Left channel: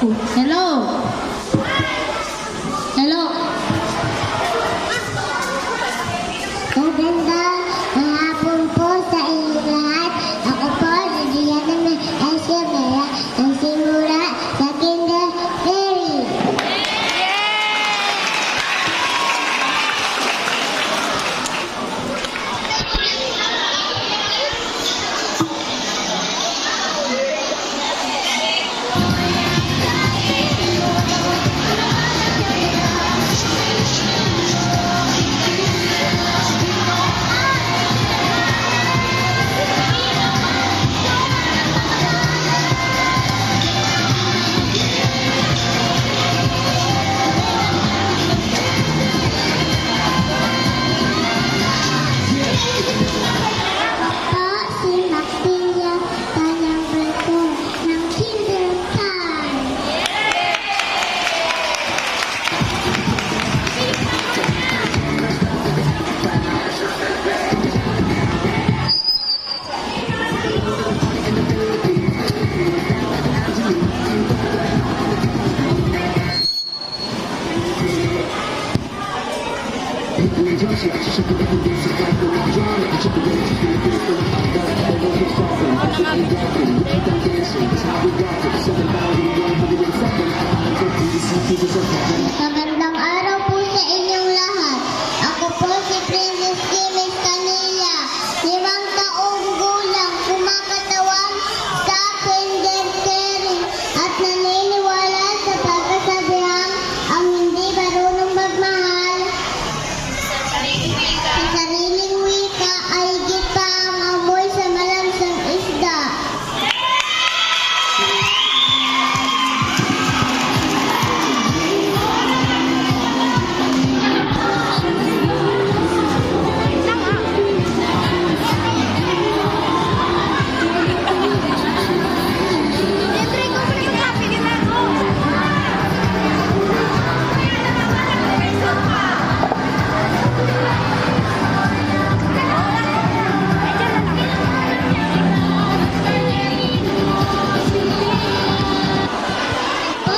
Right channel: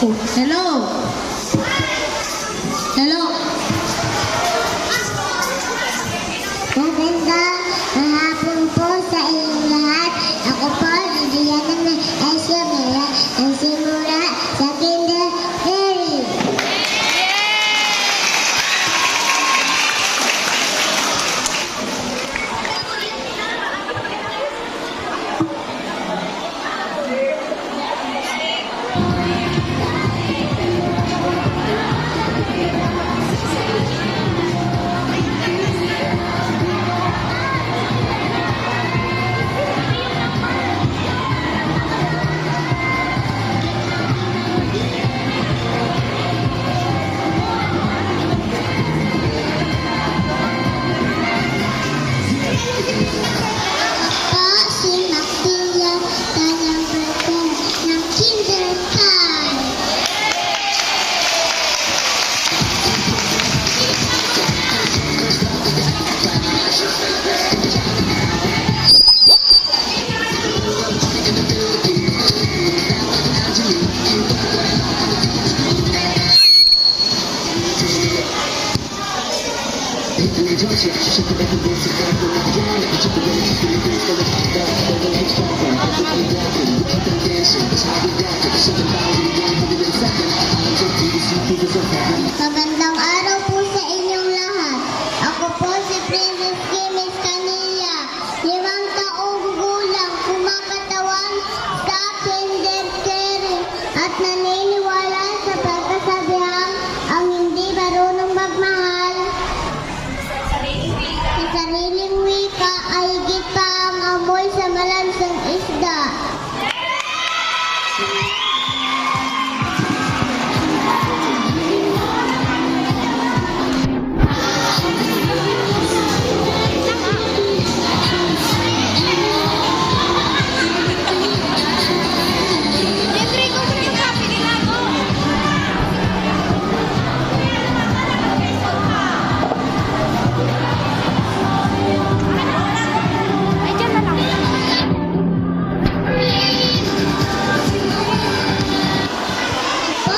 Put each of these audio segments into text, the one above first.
Hello. Hello. Magandang hapon po sa inyong lahat. Ako po, Lidiana May Aisabela, ang simula sa Kinderberry. Po, si Maxilla, kanyang berkong ng Kindertime. Magandang araw po sa inyong lahat. Ako po si Princess Kimis Canilla. 5 taong gulang, kumakatawan sa Kinderberry at naniniwala sa pagkasabihang ang hindi marunong magmahal sa sariling wika ay higit pa ang amoy sa malansang isda. Po,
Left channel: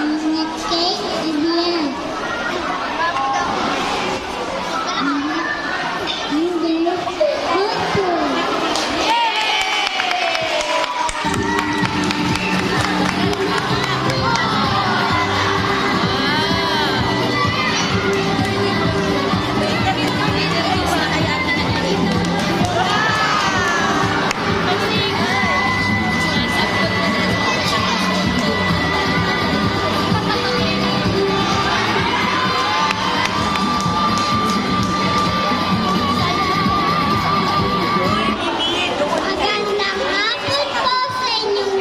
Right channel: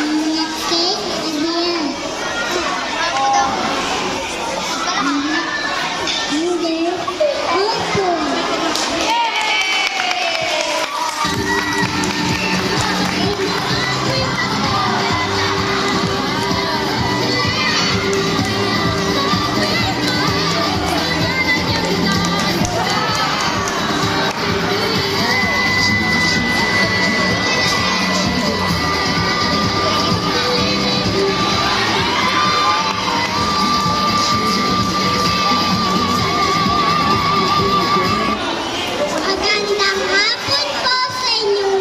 minute cake, Vivian. Hindi, apple. Magandang hapon po sa inyong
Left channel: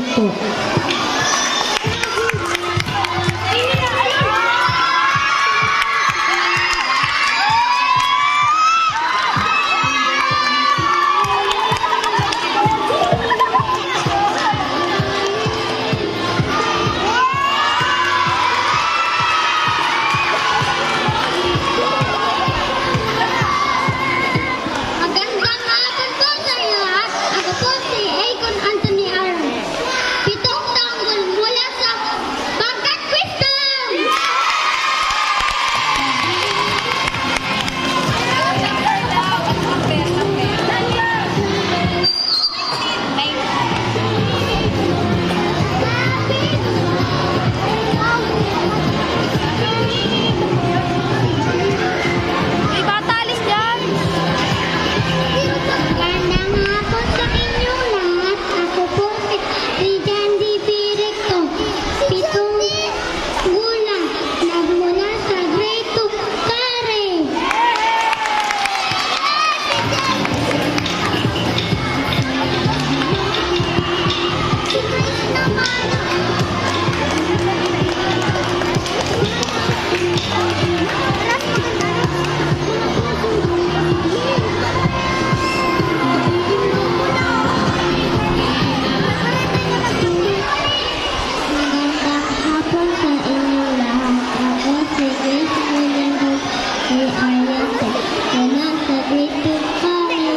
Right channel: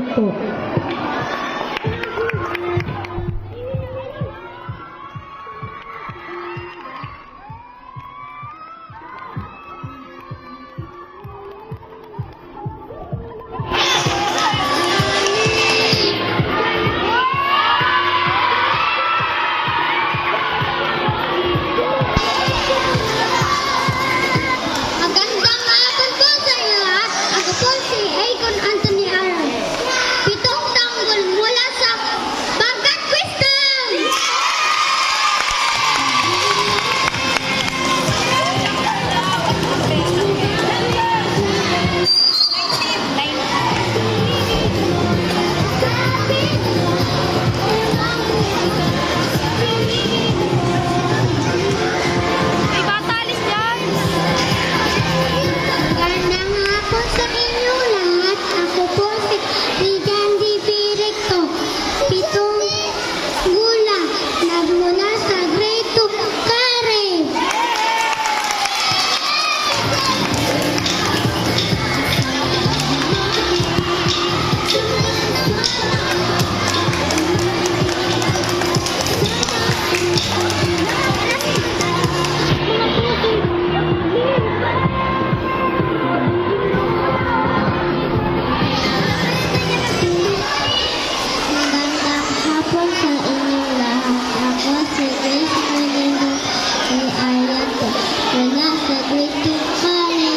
po. Magandang hapon po sa inyo lahat. Ako po si Akon Anthony Aaron. 7 taon mula sa Bagkat Wisdom. Itatalis yan! Magandang hapon sa inyo lahat. Ako po si Lijandy Directo. 7 gulang. Nagmula sa grade 2 Kare. Magandang hapon sa inyo lahat. Ako si Grace Menendez ay Ariate. Mula sa grade 2 Kare.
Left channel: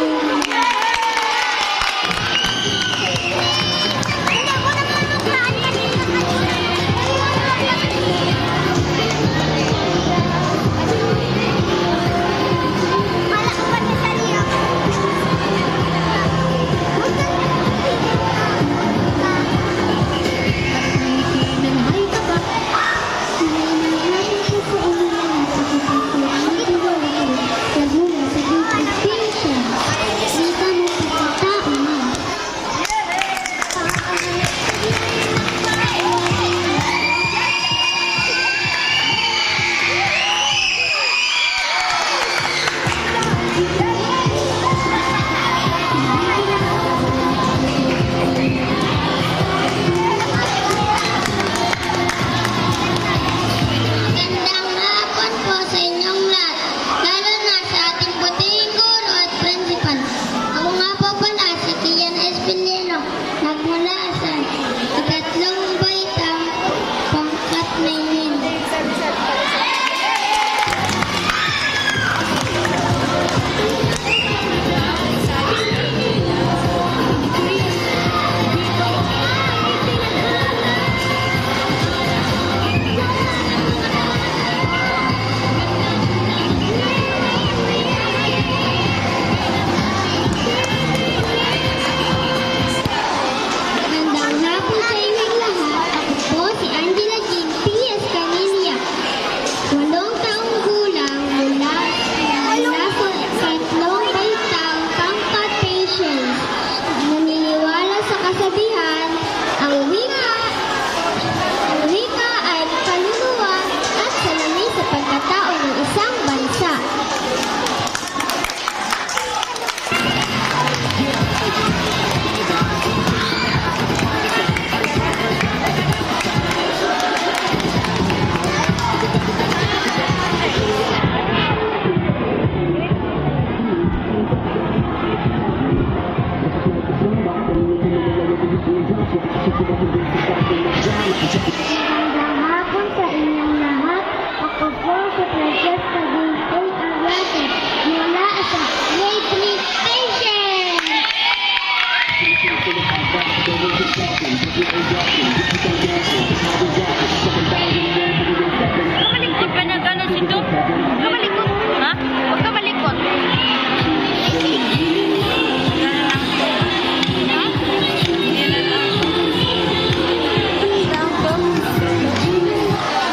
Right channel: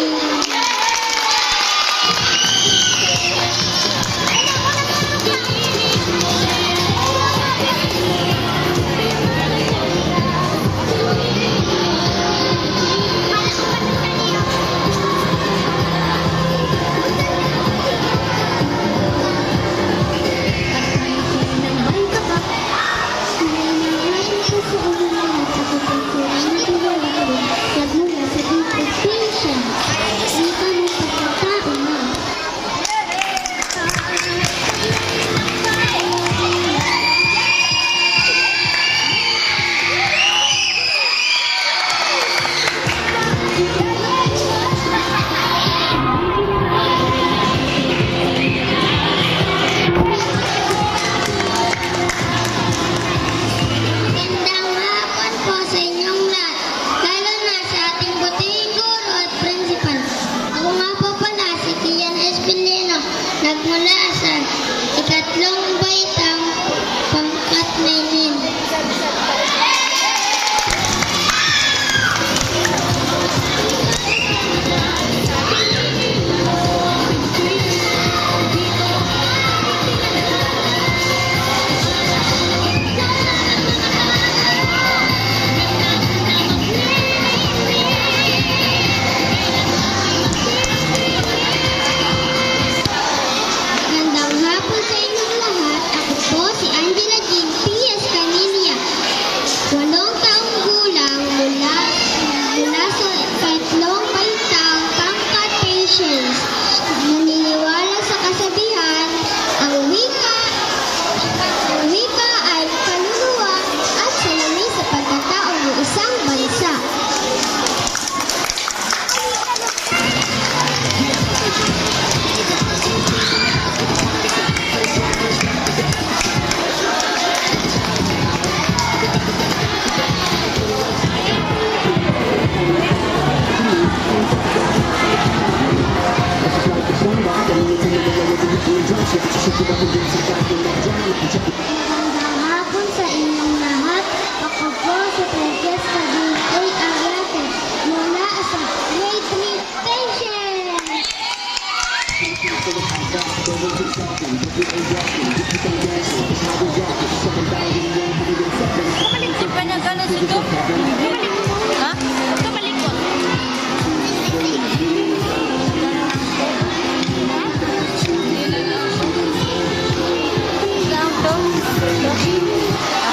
Magandang hapon po sa inyong lahat, lalo na sa ating butihing guro at principal. Ako nga po pala si Kian Espinelo, nagmula sa ikatlong baitang pangkat Mainin. Magandang hapon sa inyong lahat. Ako po si Angela Jean P.S. Canilia. 8 taong gulang mula sa ikatlong baitang pangkat Patience. Naniniwala sa kasabihan, ang wika ay kaluluwa at salamin sa pagkatao ng isang bansa. Magandang hapon sa inyong lahat. Ako po si Francesca Jean A. Ariate mula sa grade 3 Patience. Kamalikot ka na ganas ito? Kamalikot? Ha? Huwag ka malikot. Ha? Down to?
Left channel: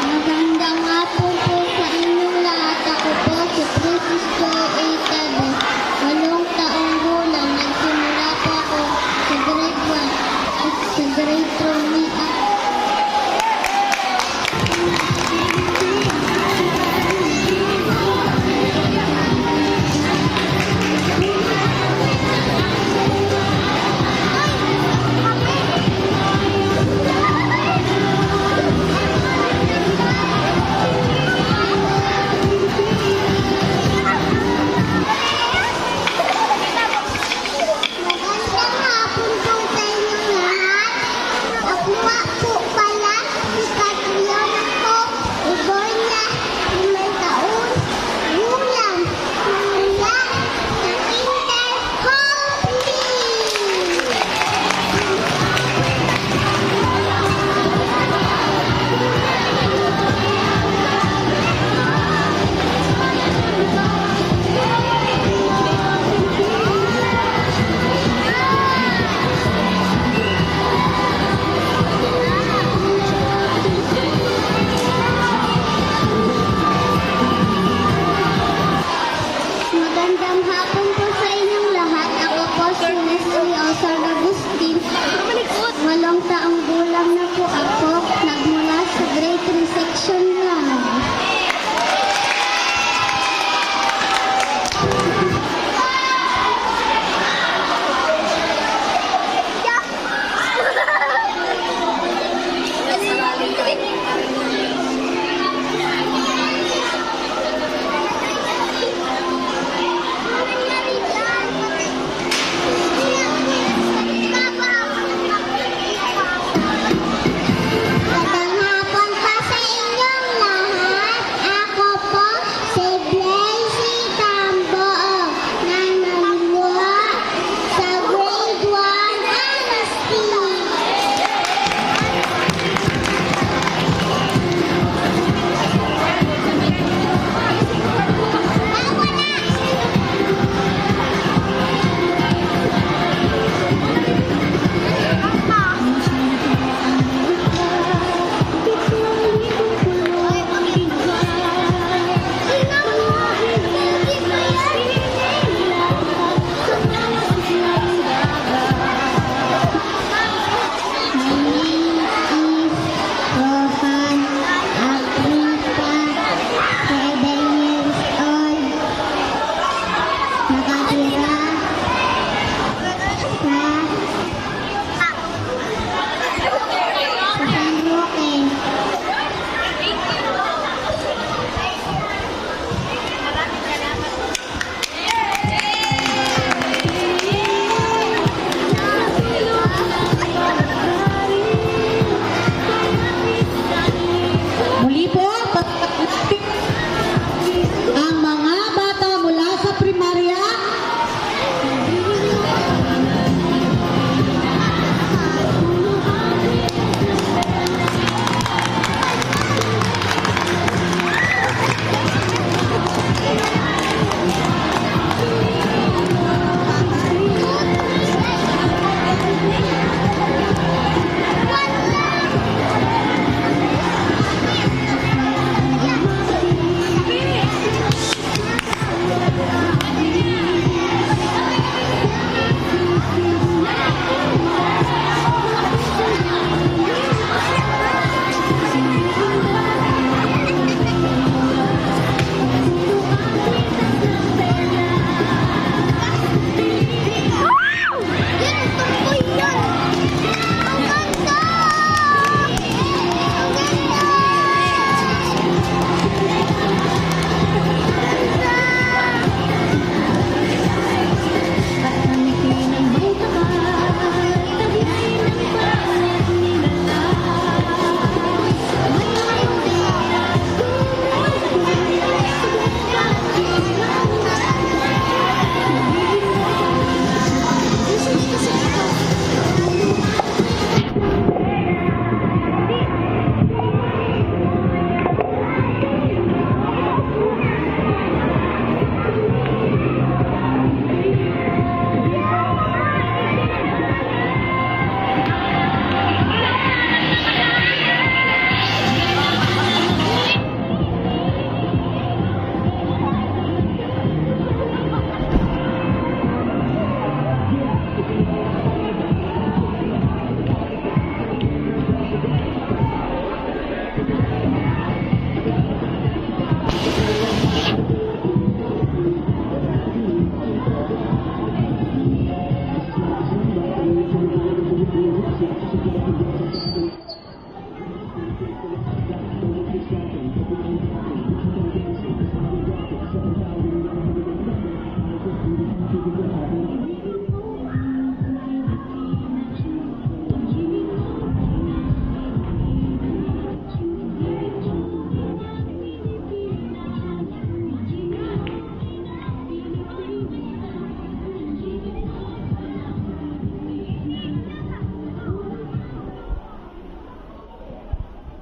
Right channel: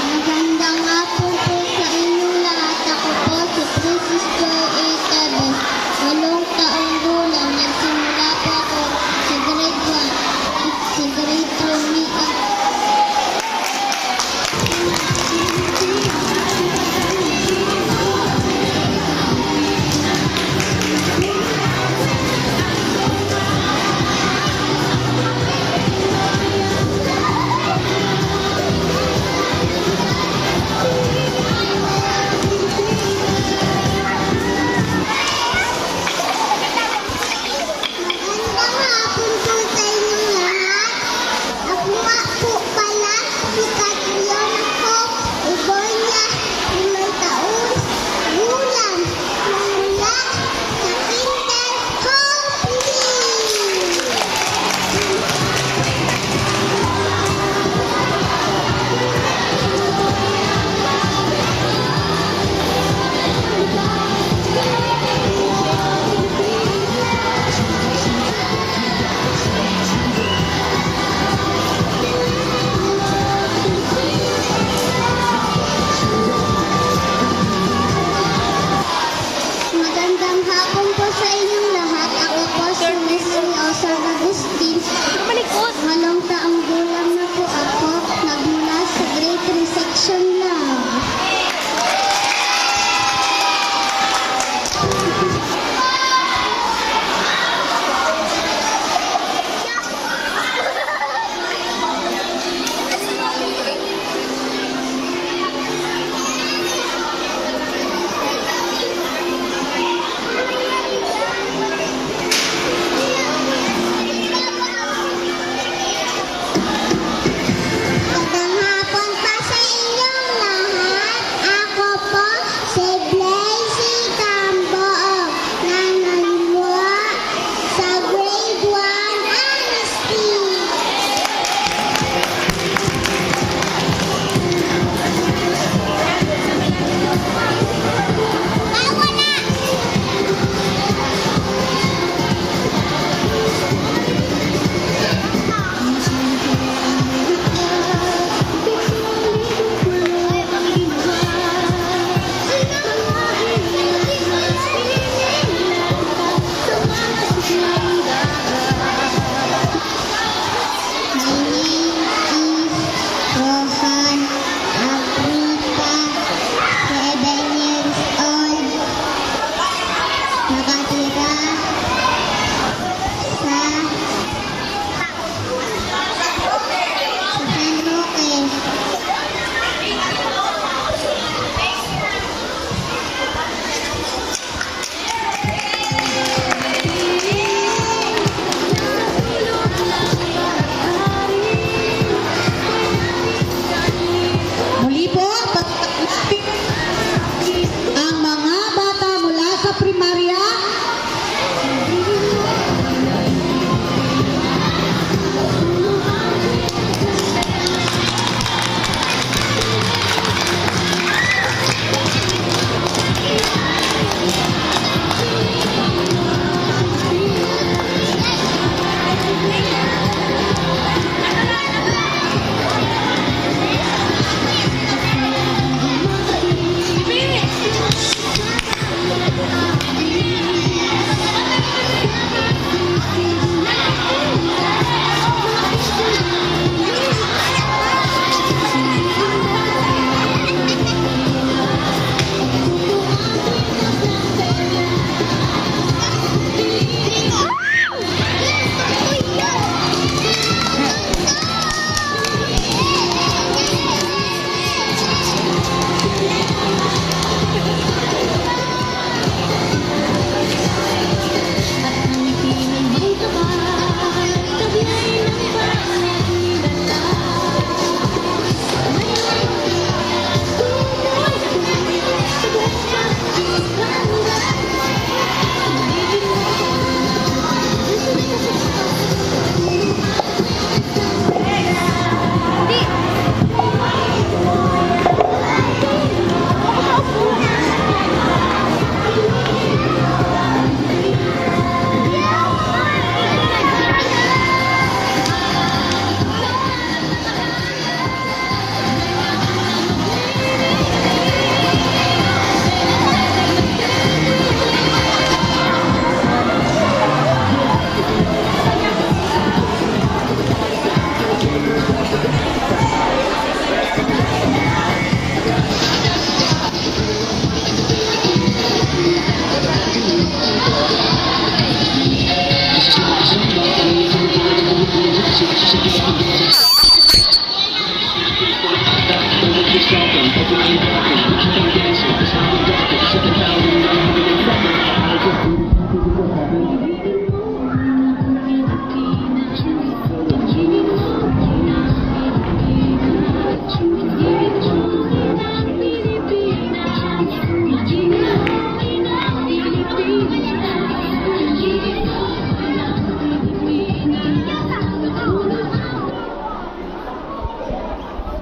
Magandang hapon po sa inyong lahat. Ako po si Princess Joy A. Tebes. 8 taong gulang. Nagsimula po ako sa grade 1 at sa grade 2 makeup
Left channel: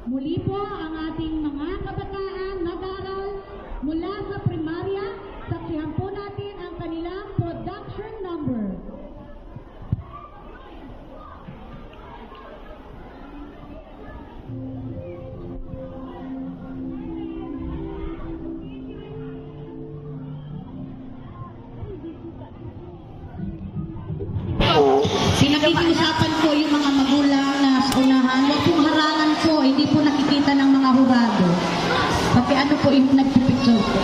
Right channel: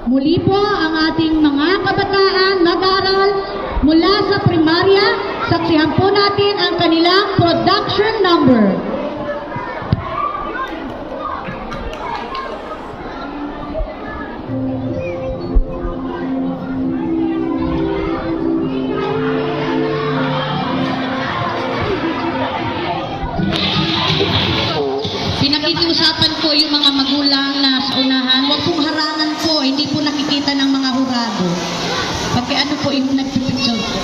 Muli po ang ating mga kabataan mag-aaral mula sa primarya, saksihan po natin ang kanilang production number. Pinakikiusapan po yung mga magulang na sa unahan, huwag pong harangan po, hindi po nakikita ng mga hurado. Pagka ano po yung nagpipicture po.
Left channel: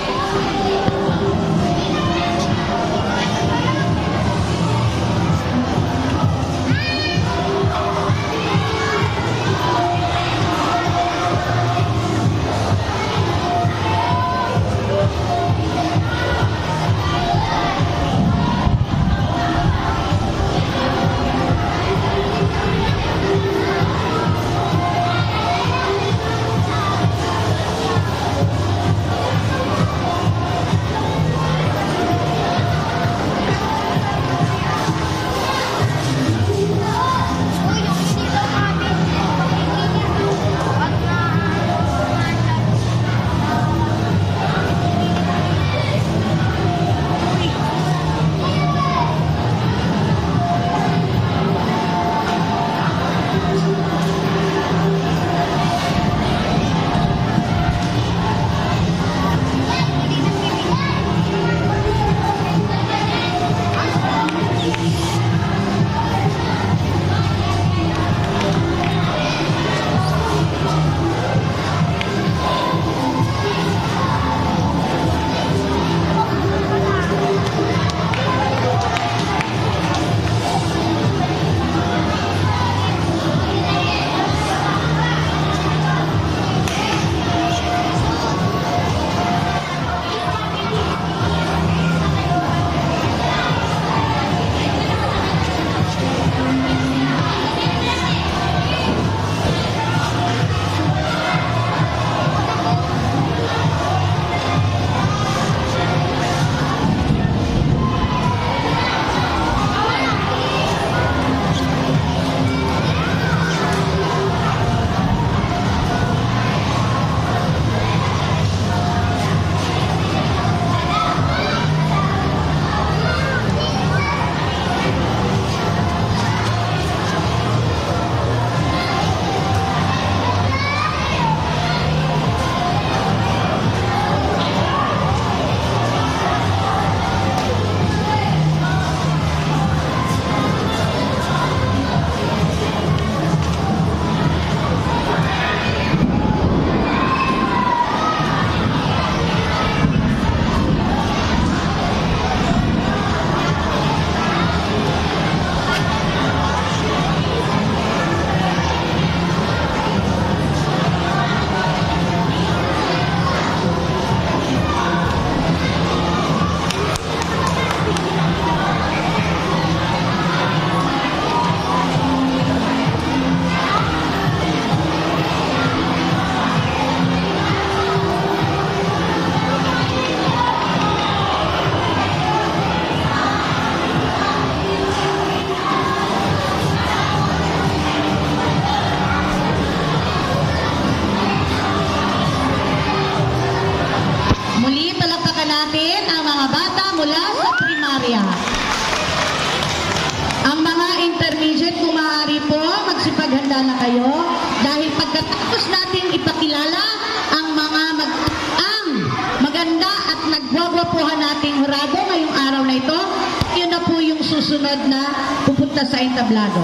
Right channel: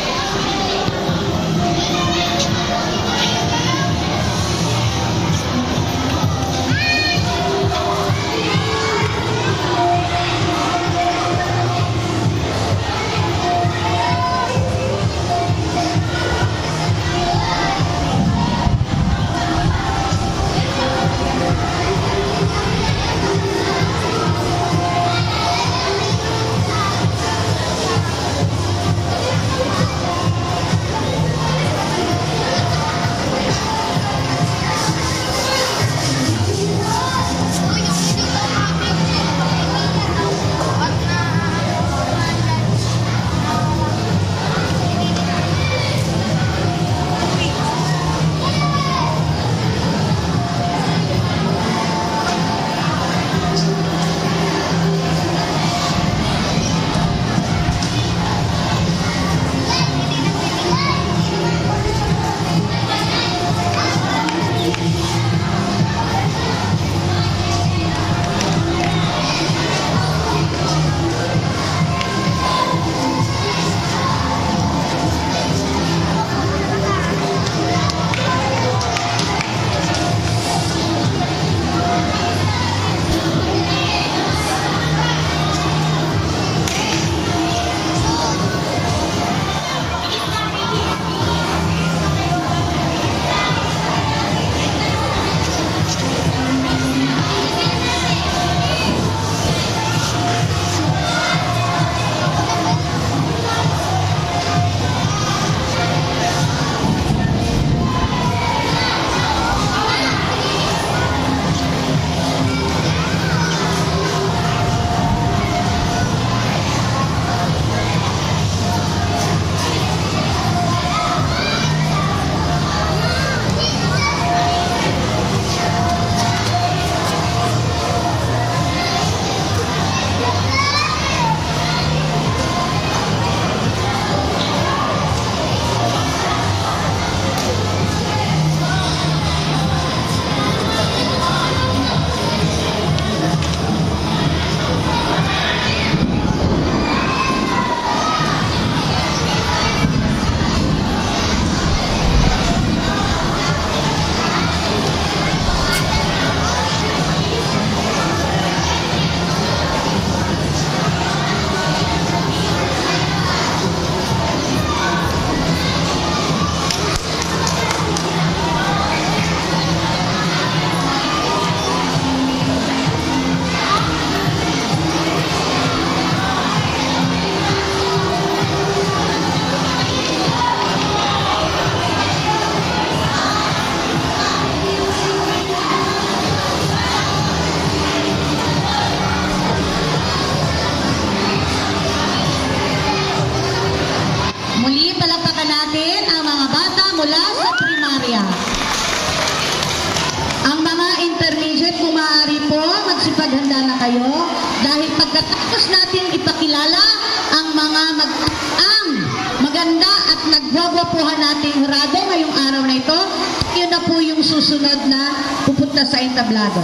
susunod na pupunta sa entablado.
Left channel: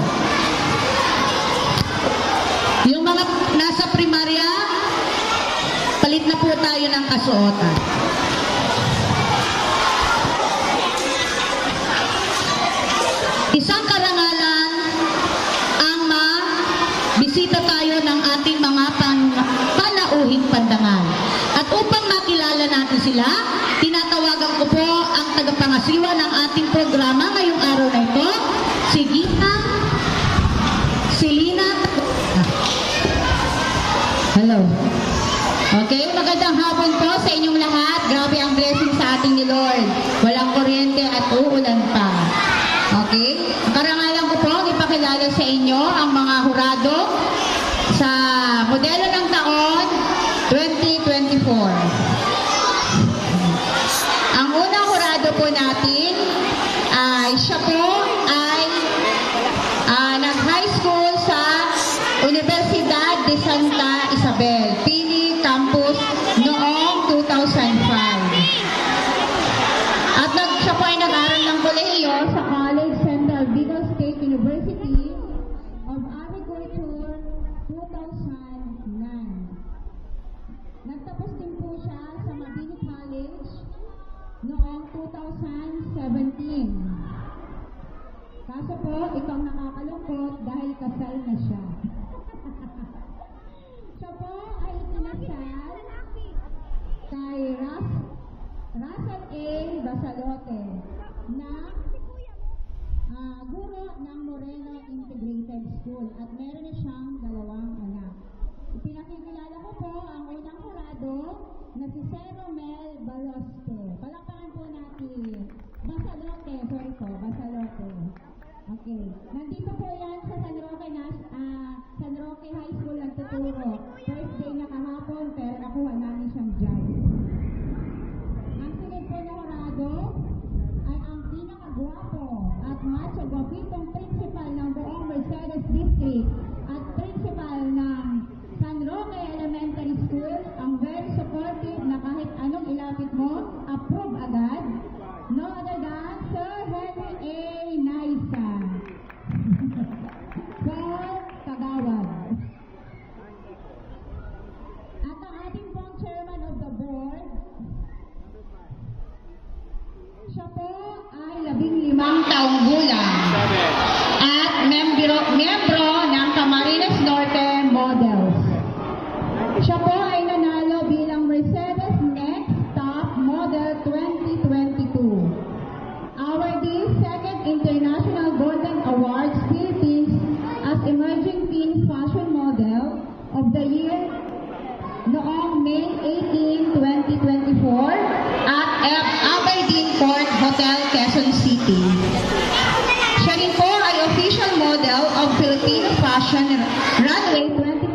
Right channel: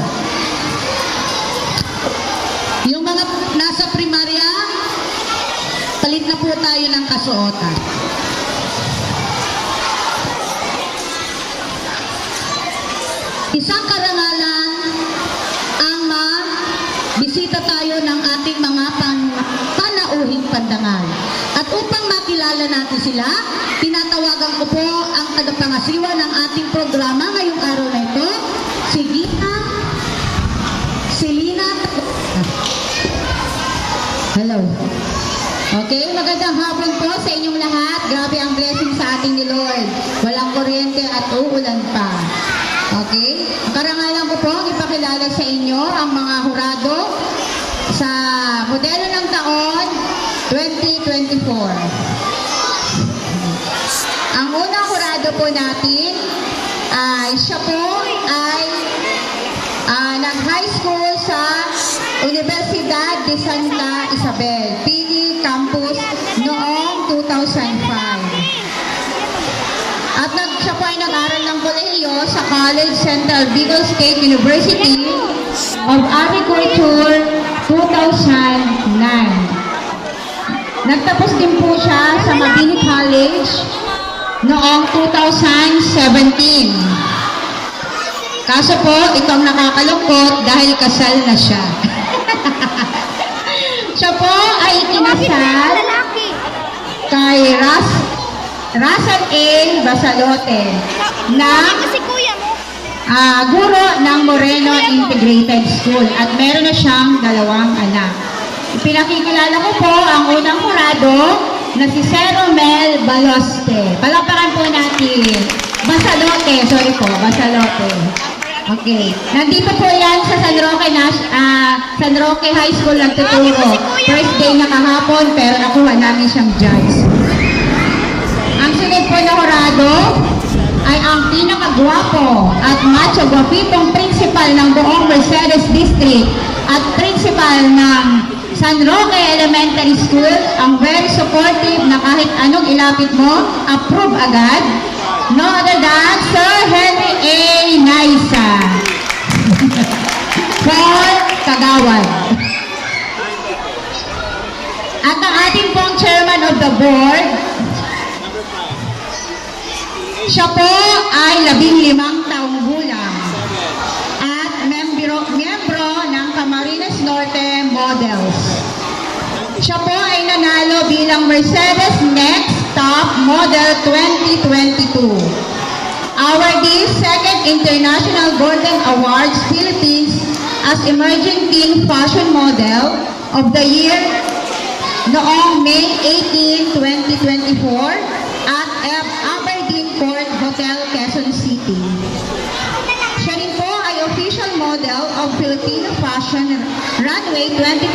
Yung mga nasa primarya, palit na po tayo ng kasuotan. Isang karangalan ang sila. Tinatawagan ko po ang tagapangasiwa ng ating programa ngayong araw na ito, si Gita Selina. Hello. Okay, magandang hapon po sa inyong lahat. Grabe ang blessing sa ating ni Lord. Walang kuryente at uulan pa. Okay? Karangalan ko po, ipakilala sa inyo ang mga hurado sa modelo ng taon 2024. Ang unang hurado po natin ay siya po ay nag-high school sa Universidad de Santa Isabel, Pili Campus noong 2005. At siya po ay nag-aral ng kolehiyo sa College Central Bicol State University of Agriculture 2009. Nagtapos din po siya sa Mabini College noong 2017. Kaso po, itong nakakalungkot dahil kasal na siya. Siya po ay ikinasal kay Russell A. Basalote na guro ng Moreno Integrated School at meron na siyang 2 anak. Pinakikilala ko po ang unang hurado na si Sir Romel Baloste. Palakpakan po natin. Basalote. Okay. Nandito po yan sa San Roque High School nagtuturo. First day na kahapon pero nakuha namin siyang judge. Ang sunod po na hurado ay ang pinakagwapo at macho gwapitong principal ng buong Mercedes District at principal ng San Roque Elementary School, ang very supportive na kahit anong ilapit mo, approve agad. No other than Sir Henry A. Naisa. Paul Kagawad. At ang ating pong chairman of the board, siya po ay 15 taong gulang at miyembro ng Camarines Norte Models. Siya po ay nanalo bilang Mercedes Next Top Model 2022. Awardee 2nd International Golden Awards Philippines as Emerging Teen Fashion Model of the Year noong May 18, 2024 at Aberdeen Port Hotel, Quezon City.